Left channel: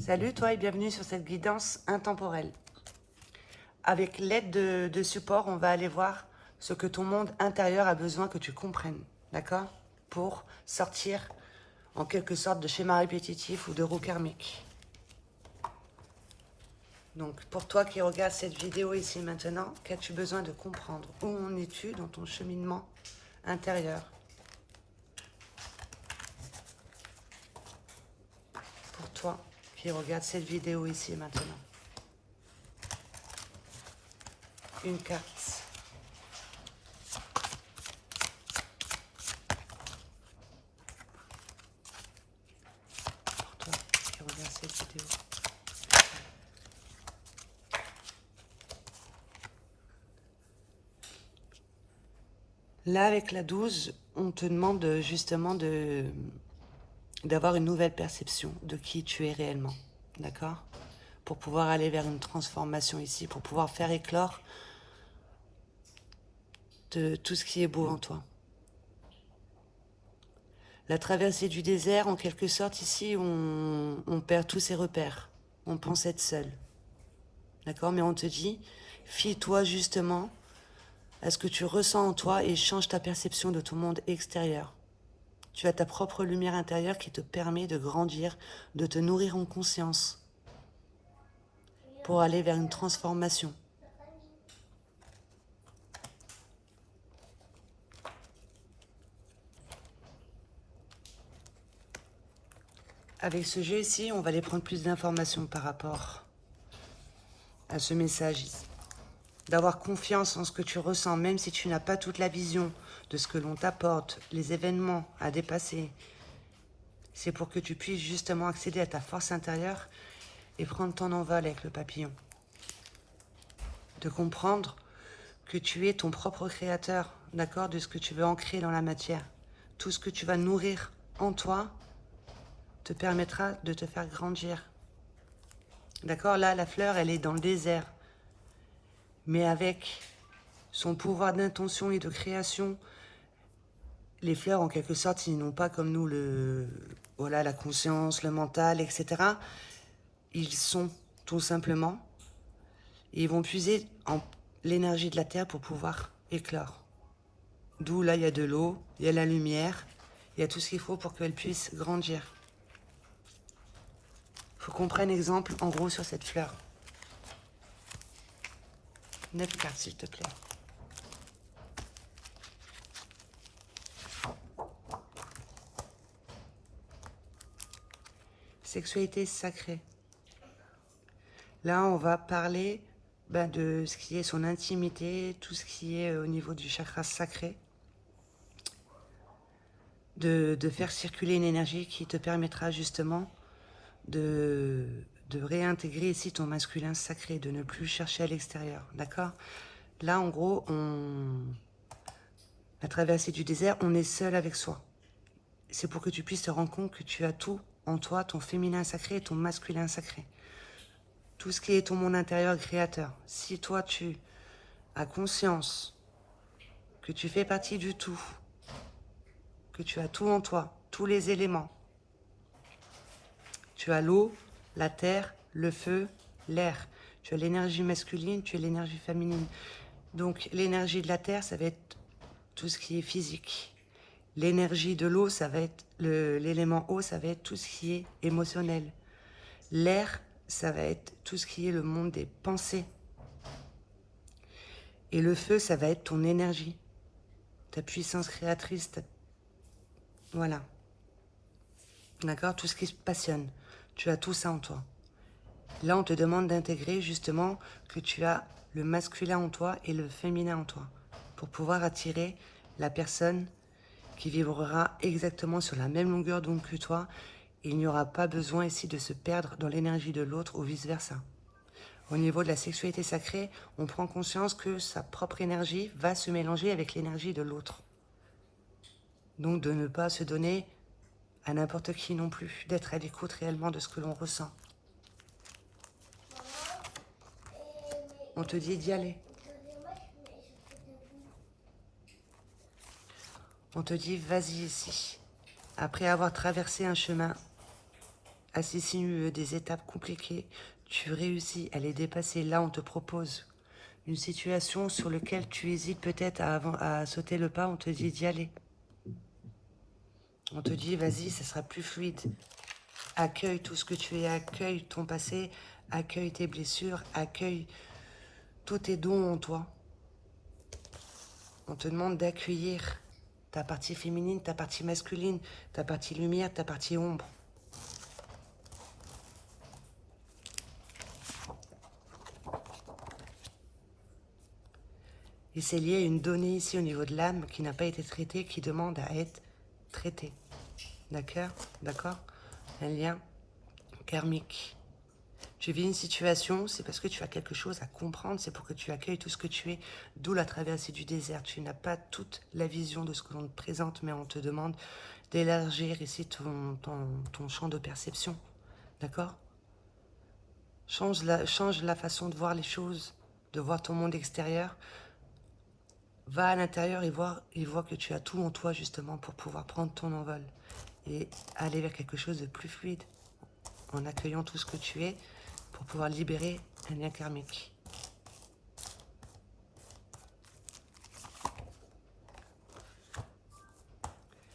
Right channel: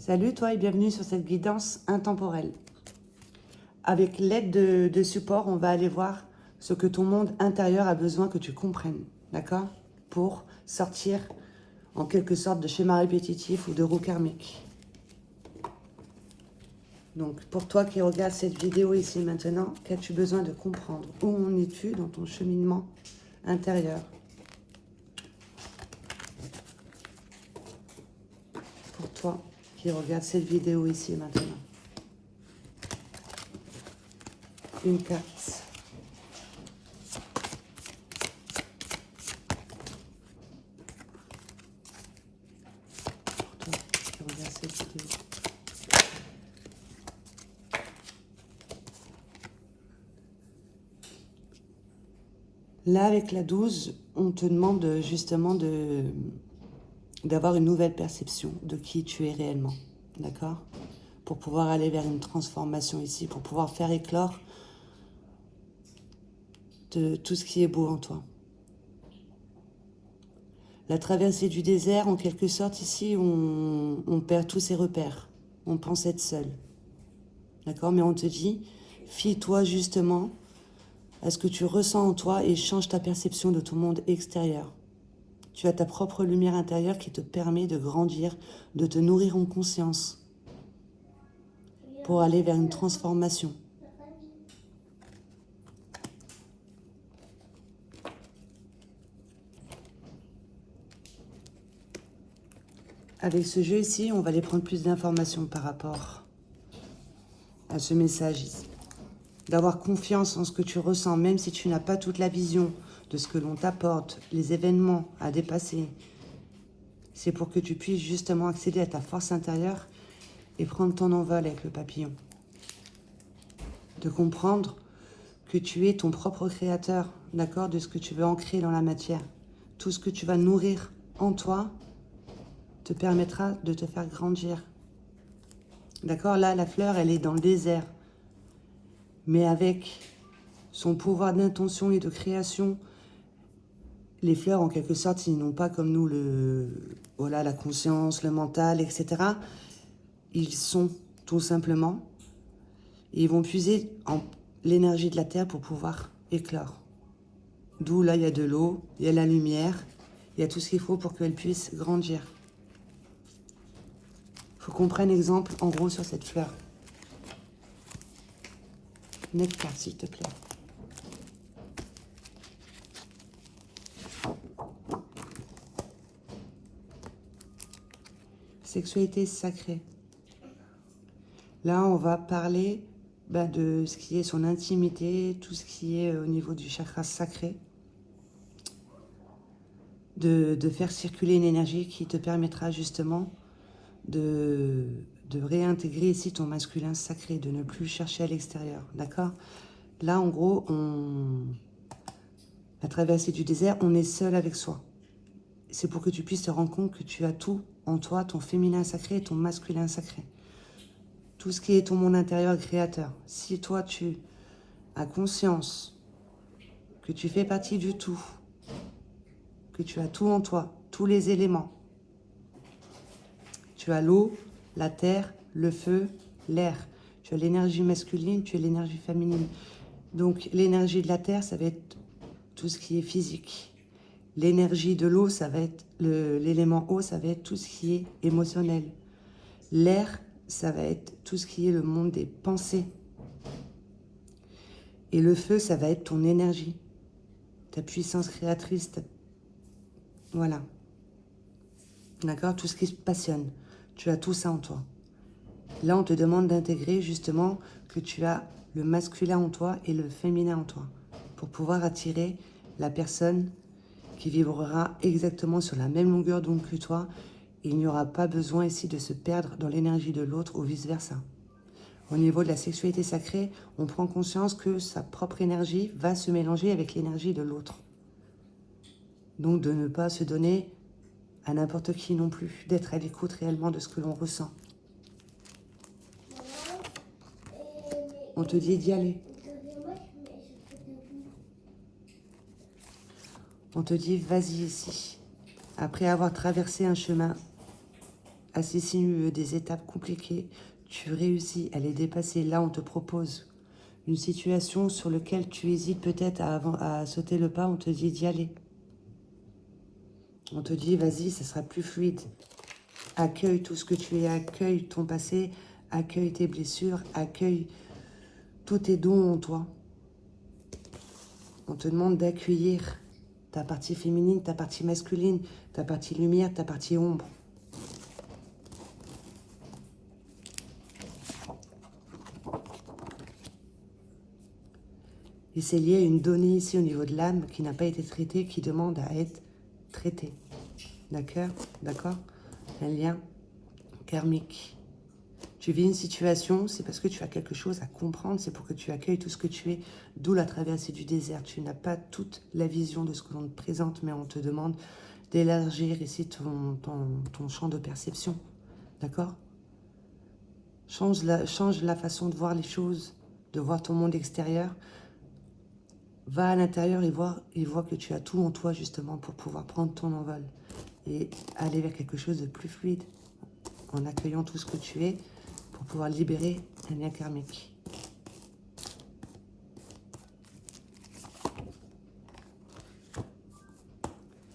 Salut toi et bienvenue sur cette guidance intemporelle. Avec l'aide de support, on va aller voir ce que ton monde intérieur a besoin que tu comprennes, d'accord? Pour sortir en quelque sorte de schéma répétitif ou de roue karmique. Donc pour toi qui regardes cette vidéo ici maintenant, qu'as-tu besoin de comprendre? Où en es-tu dans ton cheminement intérieur? Pour toi qui regardes cette vidéo ici maintenant. Une carte. Pour toi qui regardes cette vidéo. Là, avec la 12, on te demande justement d'avoir une nouvelle perception de qui tu es réellement, d'accord? Pour pouvoir aller vers une transformation ici, pour pouvoir faire éclore de tout ce qui est beau en toi. La traversée du désert, en quelque sorte, ici, on perd tous ses repères. On pense être seul, d'accord? Mais on te dit, fie-toi justement à ce que tu ressens en toi et change ta perception de ton monde extérieur. Tu as ta propre lumière intérieure qui te permet de grandir, de te nourrir en conscience pour aller vers une transformation. Avec ce jeu ici, on va aller prendre plus d'informations par rapport à ce message ici. D'avoir confiance en ce que tu ressens, même si tu n'as pas toute la vision de ce que l'on t'apporte, les événements à dépasser. C'est pour que tu puisses justement accéder à ta force intérieure et prendre ton envol avec le papillon. De comprendre que tu es ton propre créateur, d'accord, de ce que tu veux ancrer dans la matière. Tout ce que tu vas nourrir en toi te permettra de te faire grandir. D'accord, là, la fleur, elle est dans le désert. Mais avec son pouvoir d'intention et de création, les fleurs, en quelque sorte, ils n'ont pas comme nous voilà, la conscience, le mental, etc. Ils sont tout simplement, et ils vont puiser en l'énergie de la terre pour pouvoir éclore. D'où là, il y a de l'eau, il y a la lumière, il y a tout ce qu'il faut pour qu'elle puisse grandir. Il faut qu'on prenne exemple, en gros, sur cette fleur. 9 cartes, s'il te plaît. Sexualité sacrée. Là, on va parler de ce qui est son intimité, tout ce qui est au niveau du chakra sacré. De faire circuler une énergie qui te permettra justement de réintégrer ici ton masculin sacré, de ne plus chercher à l'extérieur, d'accord? Là, en gros, la traversée du désert, on est seul avec soi. C'est pour que tu puisses te rendre compte que tu as tout en toi, ton féminin sacré et ton masculin sacré. Tout ce qui est ton monde intérieur créateur. Si toi, tu as conscience que tu fais partie du tout, que tu as tout en toi, tous les éléments. Tu as l'eau, la terre, le feu, l'air. Tu as l'énergie masculine, tu as l'énergie féminine. Donc l'énergie de la terre, ça va être tout ce qui est physique. L'énergie de l'eau, ça va être l'élément eau, ça va être tout ce qui est émotionnel. L'air, ça va être tout ce qui est le monde des pensées. Et le feu, ça va être ton énergie, ta puissance créatrice. Voilà. D'accord? Tout ce qui se passionne. Tu as tout ça en toi. Là, on te demande d'intégrer justement que tu as le masculin en toi et le féminin en toi pour pouvoir attirer la personne qui vibrera exactement sur la même longueur d'onde que toi. Et il n'y aura pas besoin ici de se perdre dans l'énergie de l'autre ou vice-versa. Au niveau de la sexualité sacrée, on prend conscience que sa propre énergie va se mélanger avec l'énergie de l'autre. Donc de ne pas se donner à n'importe qui non plus, d'être à l'écoute réellement de ce que l'on ressent. On te dit d'y aller. On te dit vas-y ici. Après avoir traversé un chemin assez sinueux, des étapes compliquées, tu réussis à les dépasser. Là, on te propose une situation sur laquelle tu hésites peut-être à sauter le pas, on te dit d'y aller. On te dit, vas-y, ça sera plus fluide. Accueille tout ce que tu es, accueille ton passé, accueille tes blessures, accueille tous tes dons en toi. On te demande d'accueillir ta partie féminine, ta partie masculine, ta partie lumière, ta partie ombre. Et c'est lié à une donnée ici au niveau de l'âme qui n'a pas été traitée, qui demande à être traitée. D'accord? D'accord? Un lien karmique. Tu vis une situation, c'est parce que tu as quelque chose à comprendre, c'est pour que tu accueilles tout ce que tu es, d'où la traversée du désert. Tu n'as pas toute la vision de ce que l'on te présente, mais on te demande d'élargir ici ton champ de perception. D'accord? Change la façon de voir les choses, de voir ton monde extérieur. Va à l'intérieur et vois que tu as tout en toi justement pour pouvoir prendre ton envol et aller vers quelque chose de plus fluide en accueillant tout ce que tu es pour pouvoir libérer un lien karmique.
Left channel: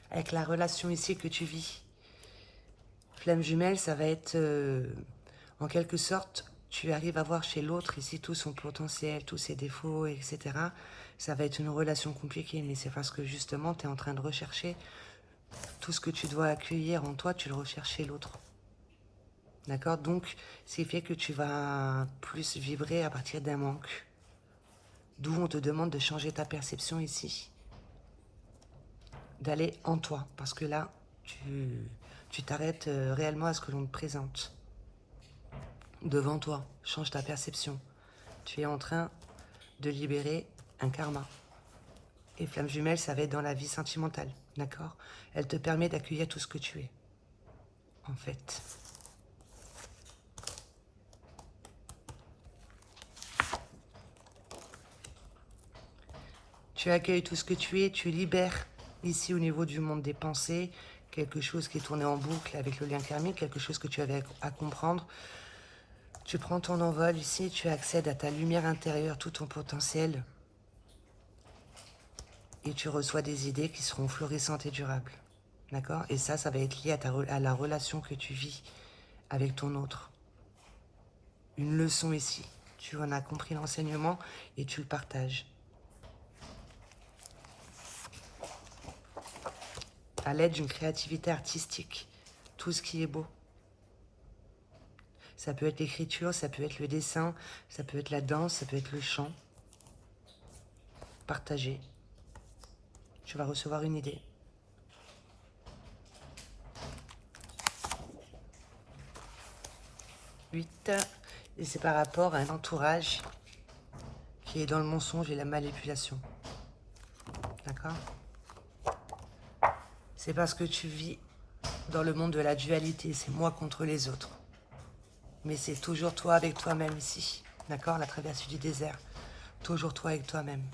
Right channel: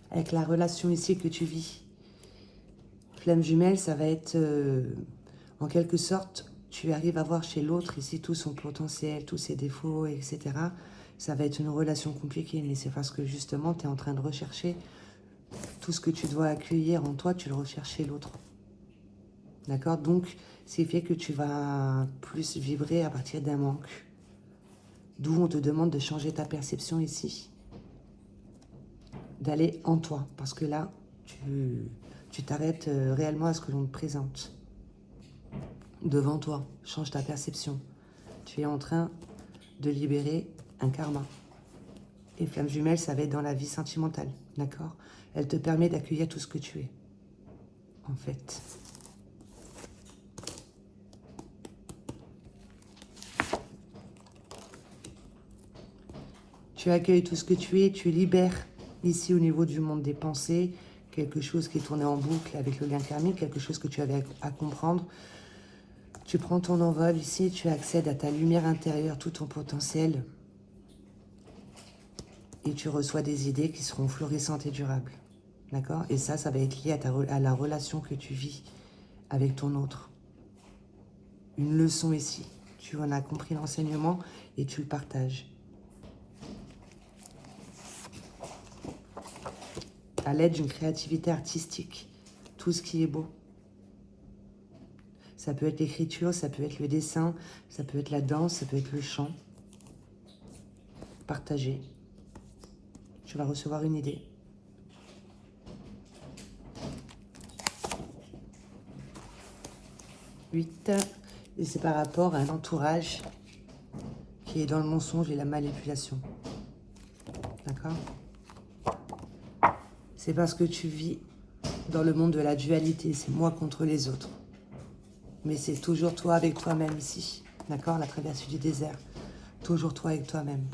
Avec la relation ici que tu vis, flamme jumelle, ça va être en quelque sorte, tu arrives à voir chez l'autre ici tout son potentiel, tous ses défauts, etc. Ça va être une relation compliquée, mais c'est parce que justement, tu es en train de rechercher tout ce que tu dois accueillir en toi, tu le recherches chez l'autre. D'accord? Donc, ce qui fait que tu vas plus vibrer à partir d'un manque. D'où on te demande de changer ta perception ici. D'aller en toi, parce que là, tu t'arrêtes réellement à ce que l'on te présente. Devant toi, change ta perception. Tu es en train de libérer un karma. Et flamme jumelle, ça va être dans la vie sentimentale, d'accord? Elle te permet d'accueillir tout ce que tu es, en fait. Tu accueilles tout ce que tu es, tu libères ici au niveau du monde des pensées, quelque chose qui est tourné en boucle avec le lien karmique, quelque chose que tu avais à comprendre. Tu prends ton envol ici, tu accèdes à ta lumière intérieure, tout ton potentiel. Et tu reçois des idées qui seront florissantes et durables. D'accord? Et ça va être lié à la relation que tu vis avec ton autre. Une leçon ici. Tu en as compris l'enseignement et tu le partages. À l'aide d'une créativité artistique. Tout ce qui est beau. Ça peut être l'écriture, ça peut être le dessin, ça peut être la danse, ça peut être le chant. Partagez. Tu vas recevoir une idée. Et c'est par rapport à un entourage qui est dans le mensonge et la manipulation. D'accord? C'est parce que tu vis dans le monde de la dualité, c'est moi contre les autres. Mais c'est toujours toi avec toi-même ici. D'accord? La traversée du désert. Toujours toi avec toi-même.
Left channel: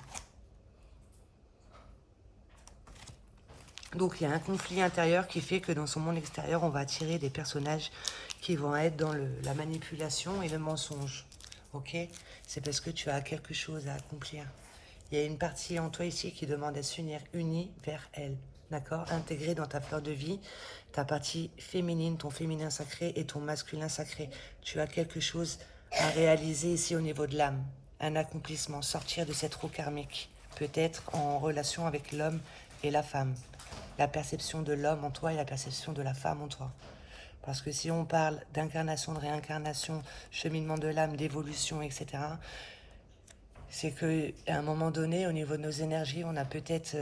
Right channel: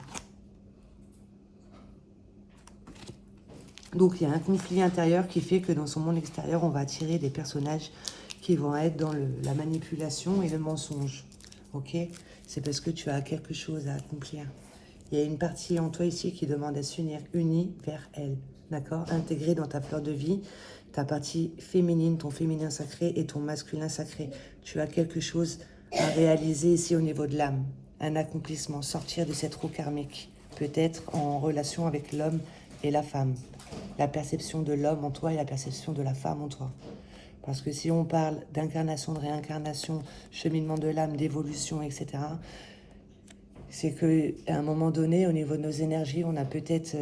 Donc il y a un conflit intérieur qui fait que dans son monde extérieur, on va attirer des personnages qui vont être dans la manipulation et le mensonge. Ok? C'est parce que tu as quelque chose à accomplir. Il y a une partie en toi ici qui demande à s'unir, unie vers elle. D'accord? Intégrée dans ta fleur de vie, ta partie féminine, ton féminin sacré et ton masculin sacré. Tu as quelque chose à réaliser ici au niveau de l'âme. Un accomplissement, sortir de cette roue karmique. Peut-être en relation avec l'homme et la femme. La perception de l'homme en toi et la perception de la femme en toi. Parce que si on parle d'incarnation, de réincarnation, cheminement de l'âme, d'évolution, etc., c'est qu'à un moment donné, au niveau de nos énergies, on a peut-être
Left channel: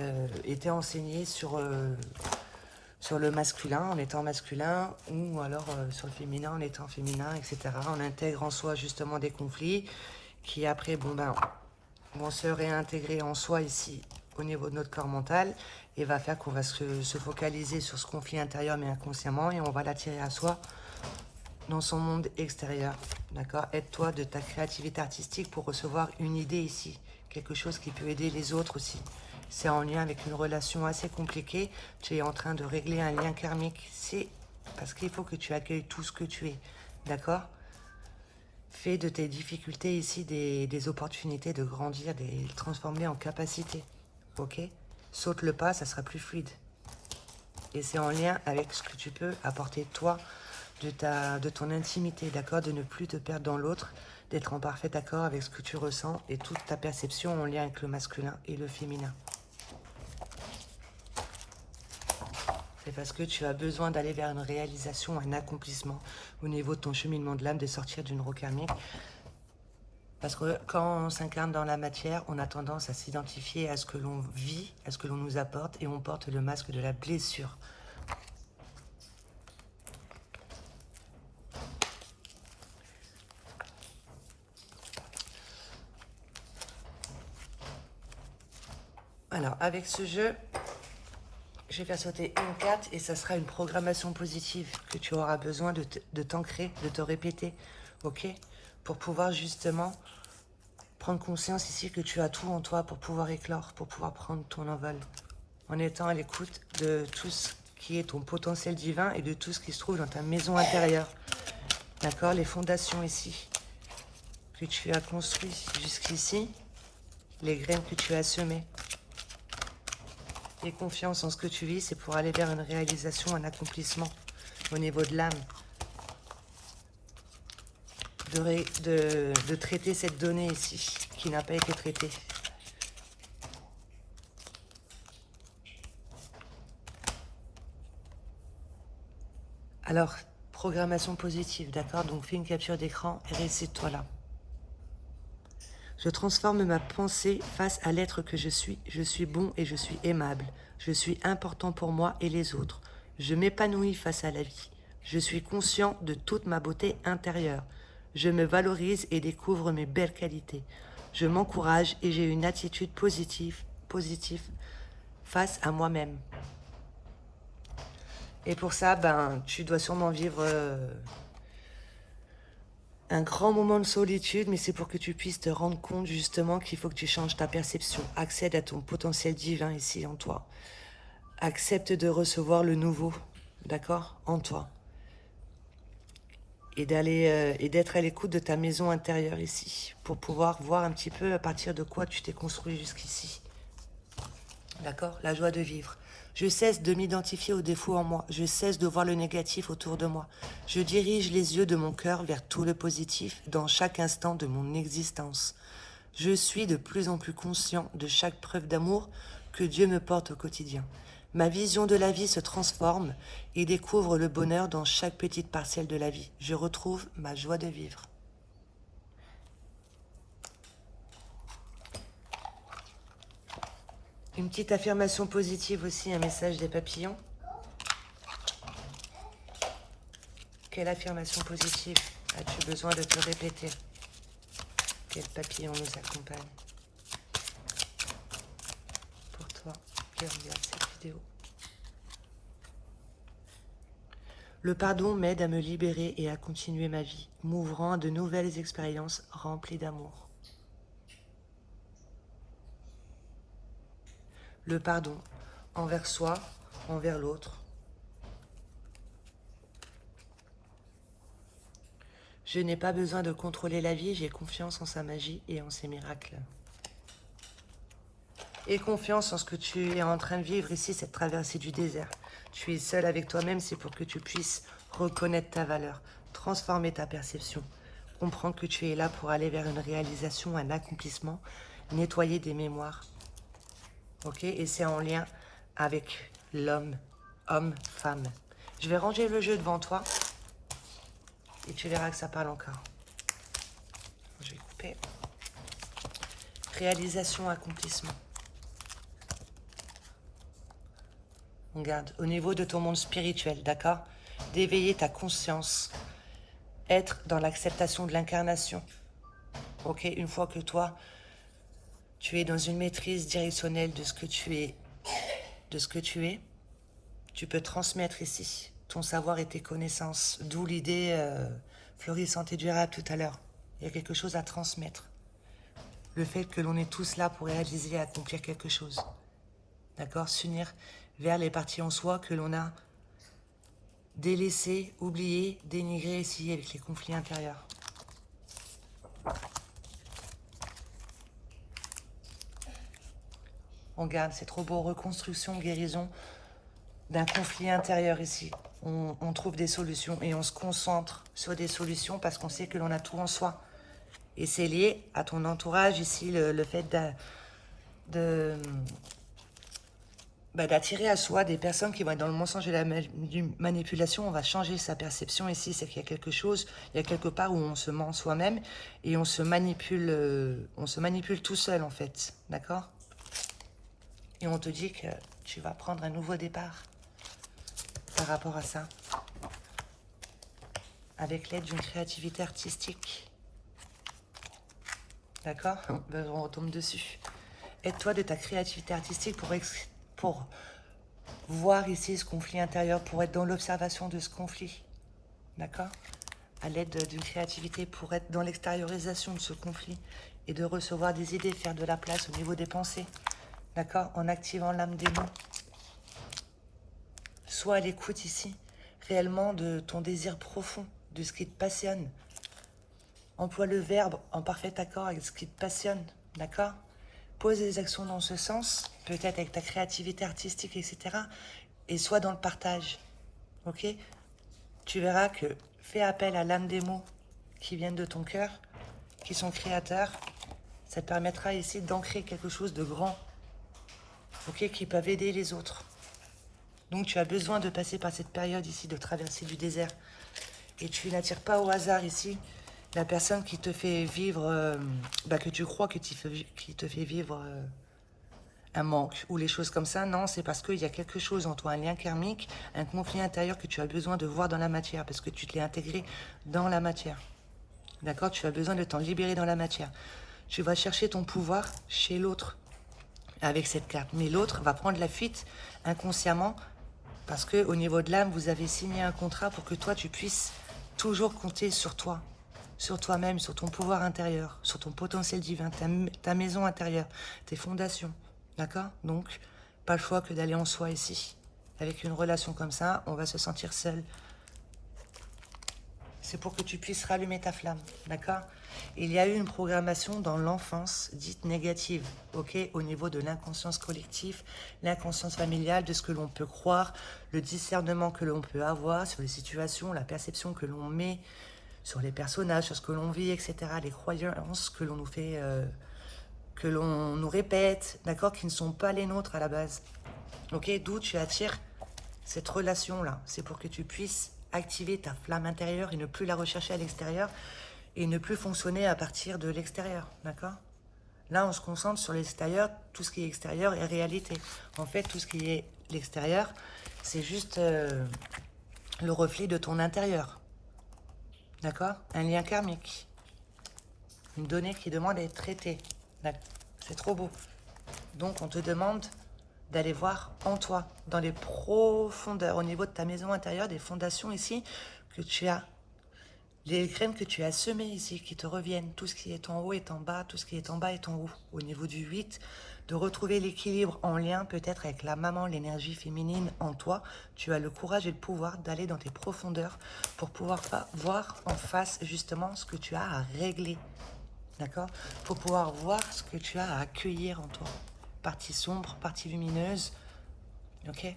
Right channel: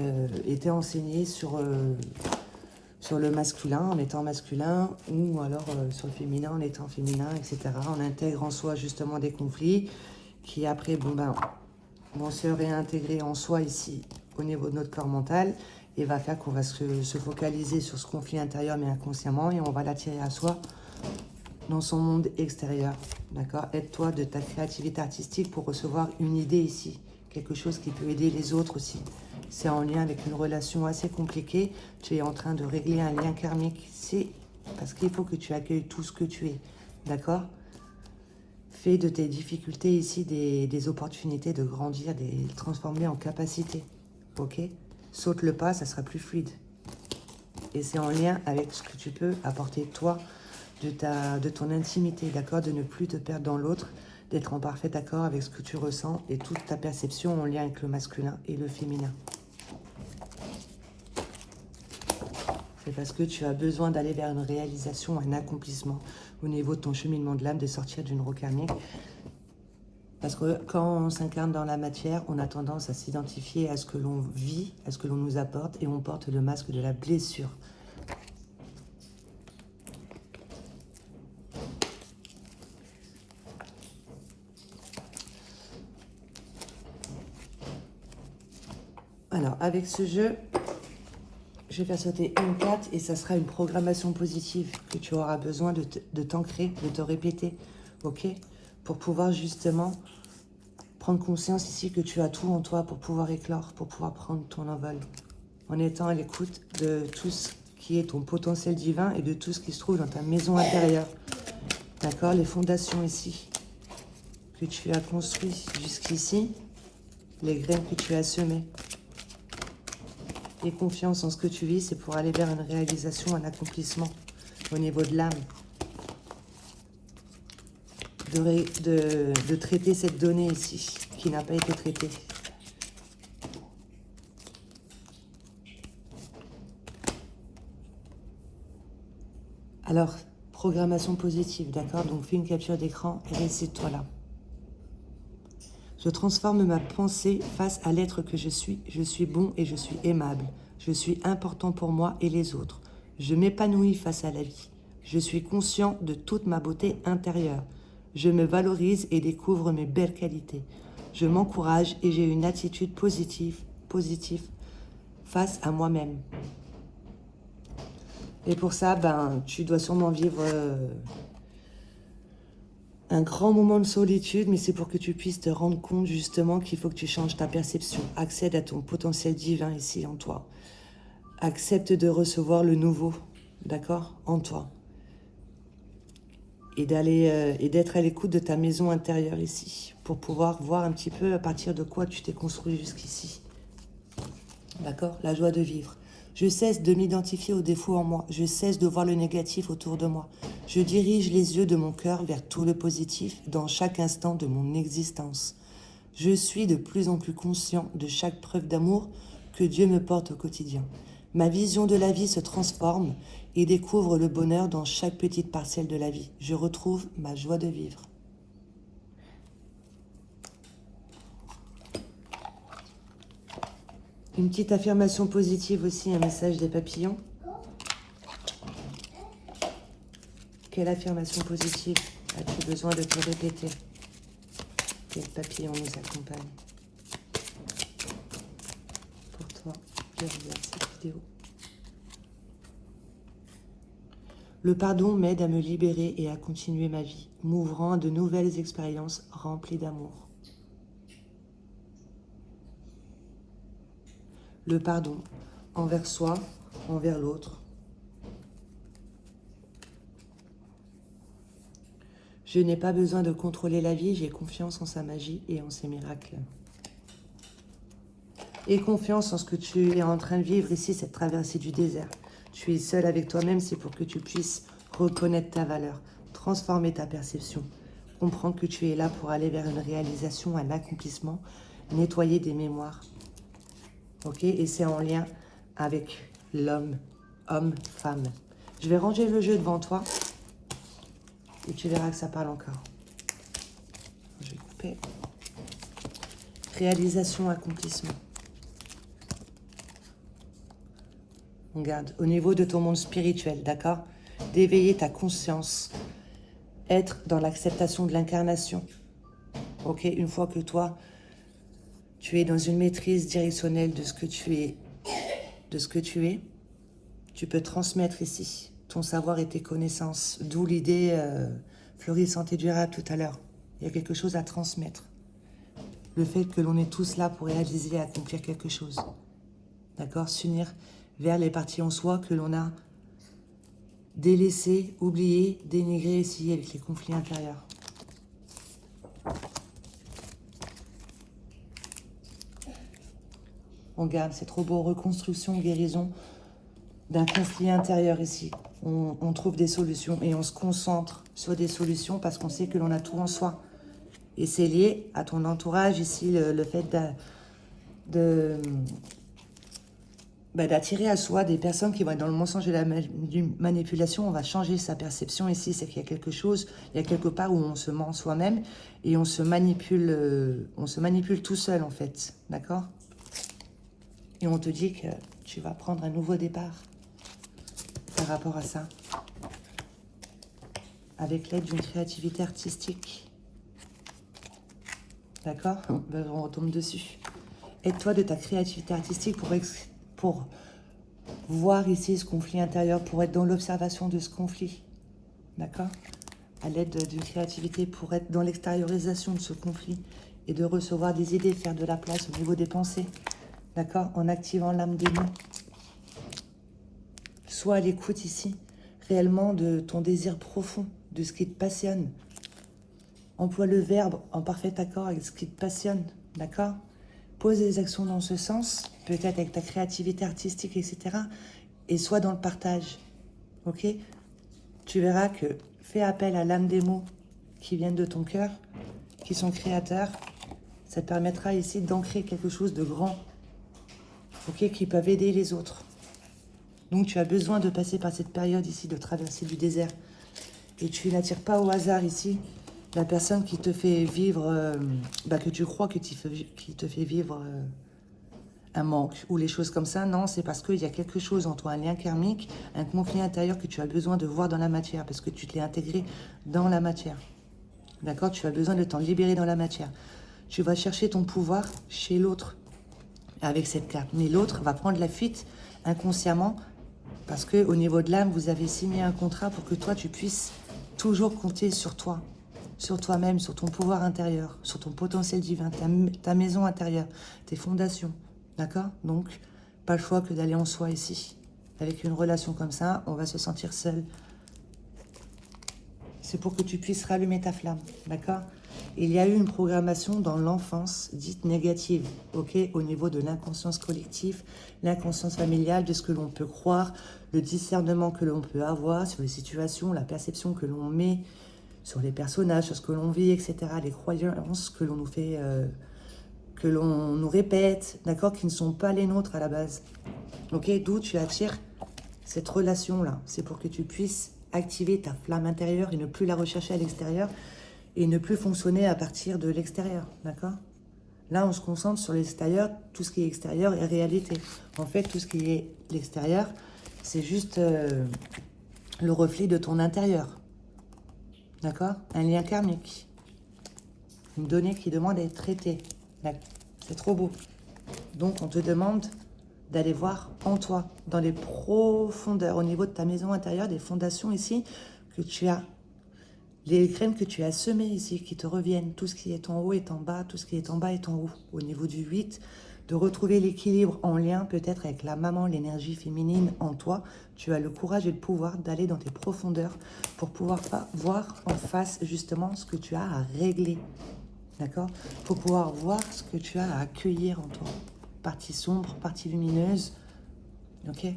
été enseigné sur le masculin en étant masculin, ou alors sur le féminin en étant féminin, etc. On intègre en soi justement des conflits qui après, vont se réintégrer en soi ici, au niveau de notre corps mental, et va faire qu'on va se focaliser sur ce conflit intérieur, mais inconsciemment, et on va l'attirer à soi dans son monde extérieur. D'accord? Aide-toi de ta créativité artistique pour recevoir une idée ici. Quelque chose qui peut aider les autres aussi. C'est en lien avec une relation assez compliquée. Tu es en train de régler un lien karmique. C'est Parce qu'il faut que tu accueilles tout ce que tu es. D'accord? Fais de tes difficultés ici des opportunités de grandir, de les transformer en capacité. Ok? Saute le pas, ça sera plus fluide. Et c'est en lien avec ce que tu peux apporter toi, de ton intimité, d'accord? De ne plus te perdre dans l'autre, d'être en parfait accord avec ce que tu ressens et toute ta perception en lien avec le masculin et le féminin. C'est parce que tu as besoin d'aller vers une réalisation, un accomplissement au niveau de ton cheminement de l'âme, de sortir d'une roue karmique. Parce que quand on s'incarne dans la matière, on a tendance à s'identifier à ce que l'on vit, à ce que l'on nous apporte, et on porte le masque de la blessure. Alors, avec ce jeu, je vais faire sauter une carte et ça sera une programmation positive que tu auras besoin de t'ancrer, de te répéter, ok? Pour pouvoir justement prendre conscience ici que tu as tout en toi pour pouvoir éclore, pour pouvoir prendre ton envol. En étant à l'écoute de tout ce qui est ton potentiel divin et de tout ce qui se trouve dans ta maison intérieure. D'accord? Les fondations ici que tu as construites jusqu'ici, les graines que tu as semées. Et confiance en ce que tu vis, c'est pour aller vers une réalisation, un accomplissement au niveau de l'âme. De traiter cette donnée ici, qui n'a pas été traitée. Alors, programmation positive, d'accord? Donc, fais une capture d'écran et récite-toi là. Je transforme ma pensée face à l'être que je suis. Je suis bon et je suis aimable. Je suis important pour moi et les autres. Je m'épanouis face à la vie. Je suis conscient de toute ma beauté intérieure. Je me valorise et découvre mes belles qualités. Je m'encourage et j'ai une attitude positive face à moi-même. Et pour ça, tu dois sûrement vivre un grand moment de solitude, mais c'est pour que tu puisses te rendre compte justement qu'il faut que tu changes ta perception. Accède à ton potentiel divin ici en toi. Accepte de recevoir le nouveau, d'accord, en toi. Et d'être à l'écoute de ta maison intérieure ici, pour pouvoir voir un petit peu à partir de quoi tu t'es construit jusqu'ici. D'accord? La joie de vivre. Je cesse de m'identifier aux défauts en moi. Je cesse de voir le négatif autour de moi. Je dirige les yeux de mon cœur vers tout le positif dans chaque instant de mon existence. Je suis de plus en plus conscient de chaque preuve d'amour que Dieu me porte au quotidien. Ma vision de la vie se transforme et découvre le bonheur dans chaque petite parcelle de la vie. Je retrouve ma joie de vivre. Une petite affirmation positive aussi, un message des papillons. Quelle affirmation positive as-tu besoin de te répéter? Quel papillon nous accompagne pour toi derrière cette vidéo? Le pardon m'aide à me libérer et à continuer ma vie, m'ouvrant à de nouvelles expériences remplies d'amour. Le pardon envers soi, envers l'autre. Je n'ai pas besoin de contrôler la vie, j'ai confiance en sa magie et en ses miracles. Et confiance en ce que tu es en train de vivre ici, cette traversée du désert. Tu es seul avec toi-même, c'est pour que tu puisses reconnaître ta valeur, transformer ta perception, comprendre que tu es là pour aller vers une réalisation, un accomplissement, nettoyer des mémoires. Ok? Et c'est en lien avec l'homme, homme, femme. Je vais ranger le jeu devant toi et tu verras que ça parle encore. Je vais couper. Réalisation, accomplissement. Regarde, au niveau de ton monde spirituel, d'accord? D'éveiller ta conscience, être dans l'acceptation de l'incarnation. Ok? Une fois que toi, tu es dans une maîtrise directionnelle de ce que tu es, tu peux transmettre ici ton savoir et tes connaissances. D'où l'idée florissante et durable tout à l'heure. Il y a quelque chose à transmettre. Le fait que l'on est tous là pour réaliser et accomplir quelque chose. D'accord? S'unir vers les parties en soi que l'on a délaissé, oublié, dénigré ici avec les conflits intérieurs. On garde, c'est trop beau, reconstruction, guérison d'un conflit intérieur ici. On trouve des solutions et on se concentre sur des solutions parce qu'on sait que l'on a tout en soi. Et c'est lié à ton entourage ici, le fait d'attirer à soi des personnes qui vont être dans le mensonge et la manipulation. On va changer sa perception ici, c'est qu'il y a quelque chose, il y a quelque part où on se ment soi-même et on se manipule tout seul en fait, d'accord? Et on te dit que tu vas prendre un nouveau départ par rapport à ça, avec l'aide d'une créativité artistique. D'accord? On retombe dessus. Aide-toi de ta créativité artistique pour voir ici ce conflit intérieur, pour être dans l'observation de ce conflit. D'accord? À l'aide d'une créativité pour être dans l'extériorisation de ce conflit et de recevoir des idées, faire de la place au niveau des pensées. D'accord? En activant l'âme démon. Sois à l'écoute ici, réellement de ton désir profond, de ce qui te passionne. Emploie le verbe en parfait accord avec ce qui te passionne, d'accord? Pose des actions dans ce sens, peut-être avec ta créativité artistique, etc. Et sois dans le partage, ok? Tu verras que fais appel à l'âme des mots qui viennent de ton cœur, qui sont créateurs. Ça te permettra ici d'ancrer quelque chose de grand, ok? Qui peuvent aider les autres. Donc tu as besoin de passer par cette période ici, de traverser du désert. Et tu n'attires pas au hasard ici la personne qui te fait vivre, que tu crois qui te fait vivre un manque ou les choses comme ça. Non, c'est parce qu'il y a quelque chose en toi, un lien karmique, un conflit intérieur que tu as besoin de voir dans la matière parce que tu te l'es intégré dans la matière. D'accord? Tu as besoin de t'en libérer dans la matière. Tu vas chercher ton pouvoir chez l'autre avec cette carte. Mais l'autre va prendre la fuite inconsciemment parce qu'au niveau de l'âme, vous avez signé un contrat pour que toi, tu puisses toujours compter sur toi, sur toi-même, sur ton pouvoir intérieur, sur ton potentiel divin, ta maison intérieure, tes fondations. D'accord? Donc, pas le choix que d'aller en soi ici. Avec une relation comme ça, on va se sentir seul. C'est pour que tu puisses rallumer ta flamme. D'accord? Il y a eu une programmation dans l'enfance dite négative, ok, au niveau de l'inconscience collective, l'inconscience familiale, de ce que l'on peut croire, le discernement que l'on peut avoir sur les situations, la perception que l'on met sur les personnages, sur ce que l'on vit, etc., les croyances que l'on nous fait, que l'on nous répète, d'accord, qui ne sont pas les nôtres à la base. Ok, d'où tu attires cette relation-là. C'est pour que tu puisses activer ta flamme intérieure et ne plus la rechercher à l'extérieur, et ne plus fonctionner à partir de l'extérieur, d'accord? Là, on se concentre sur l'extérieur, tout ce qui est extérieur est réalité. En fait, tout ce qui est l'extérieur, c'est juste le reflet de ton intérieur, d'accord? Un lien karmique, une donnée qui demande à être traitée. C'est trop beau. Donc, on te demande d'aller voir en toi, dans les profondeurs, au niveau de ta maison intérieure, des fondations ici, que tu as. Les graines que tu as semées ici, qui te reviennent, tout ce qui est en haut est en bas, tout ce qui est en bas est en haut. Au niveau du 8, de retrouver l'équilibre en lien peut-être avec la maman, l'énergie féminine en toi. Tu as le courage et le pouvoir d'aller dans tes profondeurs pour pouvoir voir en face justement ce que tu as à régler. D'accord? Pour pouvoir voir ce que tu as à accueillir en toi. Partie sombre, partie lumineuse. Ok?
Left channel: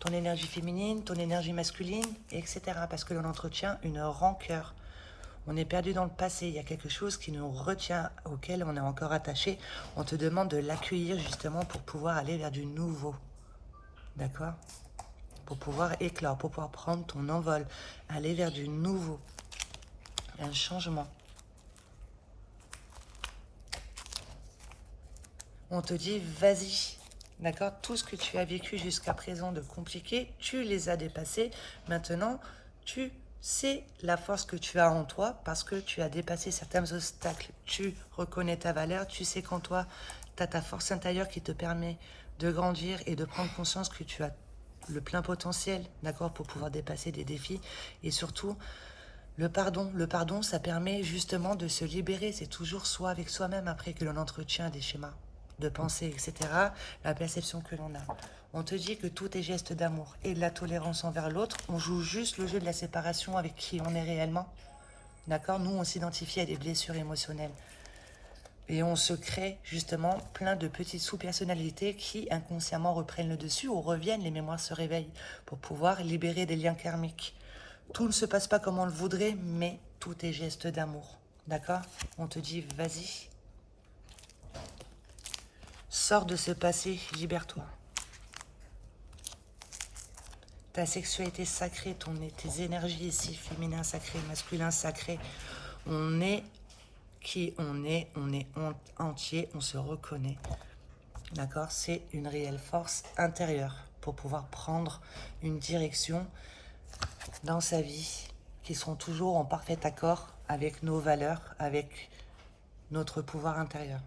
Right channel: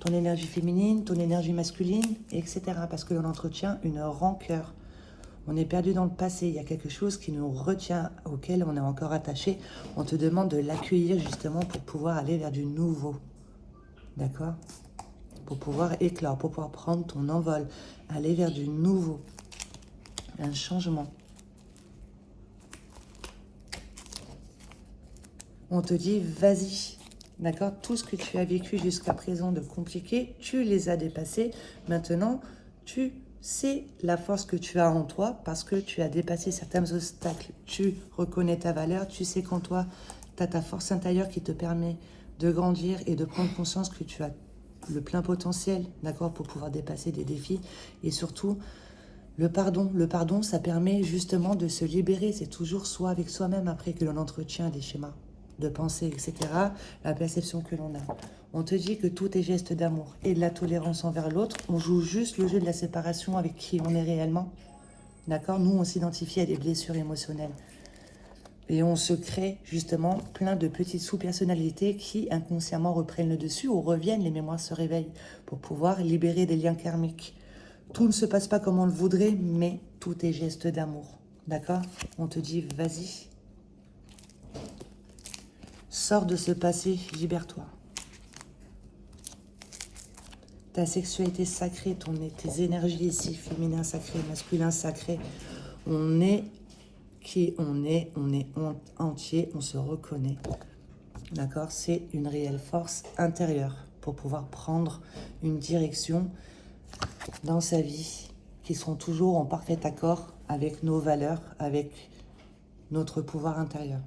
Ton énergie féminine, ton énergie masculine, etc. Parce que l'on entretient une rancœur. On est perdu dans le passé. Il y a quelque chose qui nous retient, auquel on est encore attaché. On te demande de l'accueillir justement pour pouvoir aller vers du nouveau. D'accord? Pour pouvoir éclore, pour pouvoir prendre ton envol. Aller vers du nouveau. Un changement. On te dit, vas-y. D'accord? Tout ce que tu as vécu jusqu'à présent de compliqué, tu les as dépassés. Maintenant, tu sais la force que tu as en toi parce que tu as dépassé certains obstacles. Tu reconnais ta valeur. Tu sais qu'en toi, tu as ta force intérieure qui te permet de grandir et de prendre conscience que tu as le plein potentiel, d'accord, pour pouvoir dépasser des défis. Et surtout, le pardon. Le pardon, ça permet justement de se libérer. C'est toujours soi avec soi-même après que l'on entretient des schémas de pensée, etc., la perception que l'on a. On te dit que tout est geste d'amour et de la tolérance envers l'autre. On joue juste le jeu de la séparation avec qui on est réellement. D'accord? Nous, on s'identifie à des blessures émotionnelles. Et on se crée justement plein de petites sous-personnalités qui inconsciemment reprennent le dessus ou reviennent, les mémoires se réveillent pour pouvoir libérer des liens karmiques. Tout ne se passe pas comme on le voudrait, mais tout est geste d'amour. D'accord? On te dit, vas-y. Sors de ce passé, libère-toi. Ta sexualité sacrée, tes énergies ici, féminin sacré, masculin sacré. On est qui on est entier, on se reconnaît. D'accord? C'est une réelle force intérieure pour pouvoir prendre une direction dans sa vie qui sont toujours en parfait accord avec nos valeurs, avec notre pouvoir intérieur.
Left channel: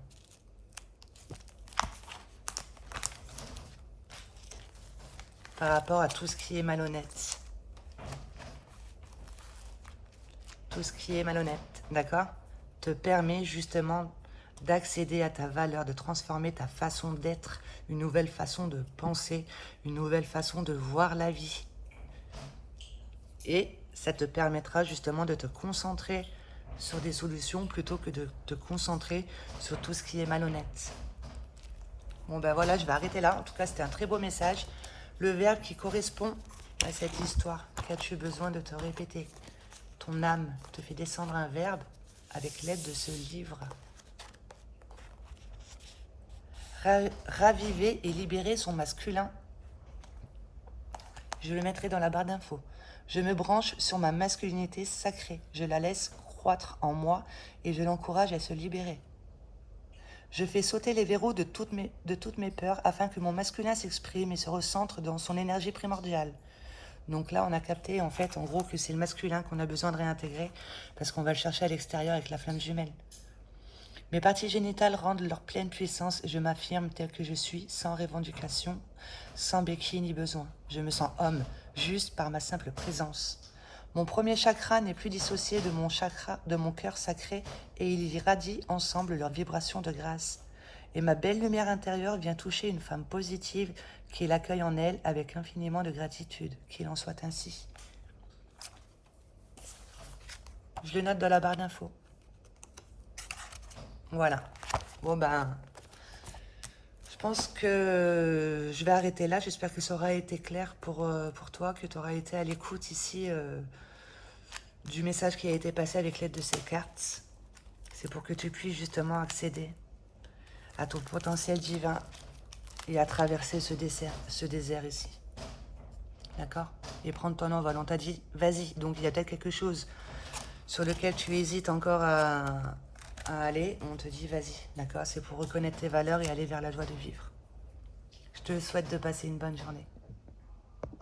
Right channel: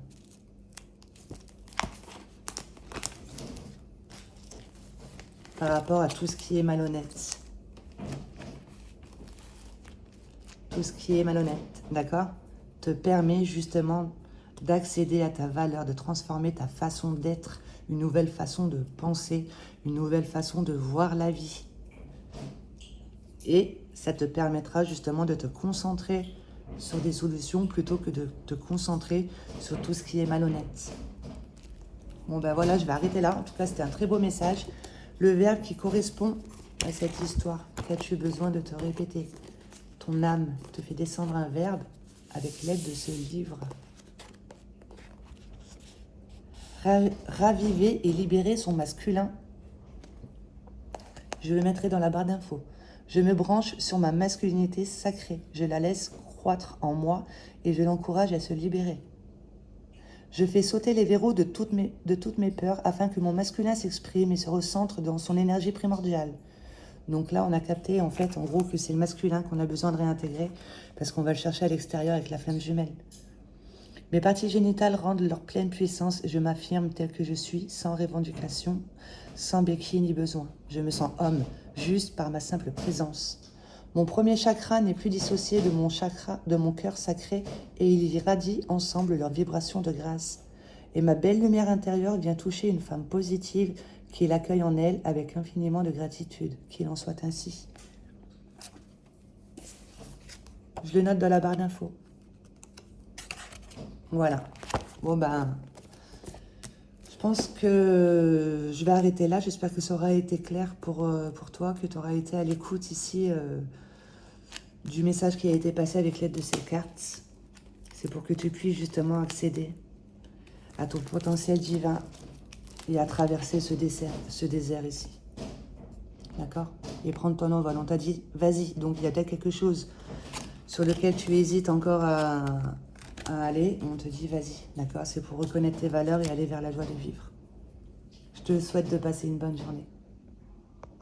Par rapport à tout ce qui est malhonnête. Tout ce qui est malhonnête, d'accord? Te permet justement d'accéder à ta valeur, de transformer ta façon d'être, une nouvelle façon de penser, une nouvelle façon de voir la vie. Et ça te permettra justement de te concentrer sur des solutions plutôt que de te concentrer sur tout ce qui est malhonnête. Bon ben voilà, je vais arrêter là. En tout cas, c'était un très beau message. Le verbe qui correspond à cette histoire, qu'as-tu besoin de te répéter? Ton âme te fait descendre un verbe avec l'aide de ce livre. Raviver et libérer son masculin. Je le mettrai dans la barre d'infos. Je me branche sur ma masculinité sacrée. Je la laisse croître en moi et je l'encourage à se libérer. Je fais sauter les verrous de toutes mes peurs afin que mon masculin s'exprime et se recentre dans son énergie primordiale. Donc là, on a capté, en fait, en gros, que c'est le masculin qu'on a besoin de réintégrer parce qu'on va le chercher à l'extérieur avec la flamme jumelle. Mes parties génitales rendent leur pleine puissance et je m'affirme tel que je suis, sans revendication, sans béquille ni besoin. Je me sens homme, juste par ma simple présence. Mon premier chakra n'est plus dissocié de mon cœur sacré et ils irradient ensemble leur vibration de grâce. Et ma belle lumière intérieure vient toucher une femme positive qui l'accueille en elle avec infiniment de gratitude. Qu'il en soit ainsi. Je le note dans la barre d'infos. Voilà. Bon ben, je pense que je vais arrêter là. J'espère que ça aura été clair pour toi, que tu auras été à l'écoute ici du message qui a été passé avec l'aide de ces cartes. C'est pour que tu puisses justement accéder à ton potentiel divin et à traverser ce désert ici. D'accord? Et prendre ton envol. On t'a dit, vas-y. Donc, il y a peut-être quelque chose sur lequel tu hésites encore à aller. On te dit, vas-y. D'accord? C'est pour reconnaître tes valeurs et aller vers la joie de vivre. Je te souhaite de passer une bonne journée.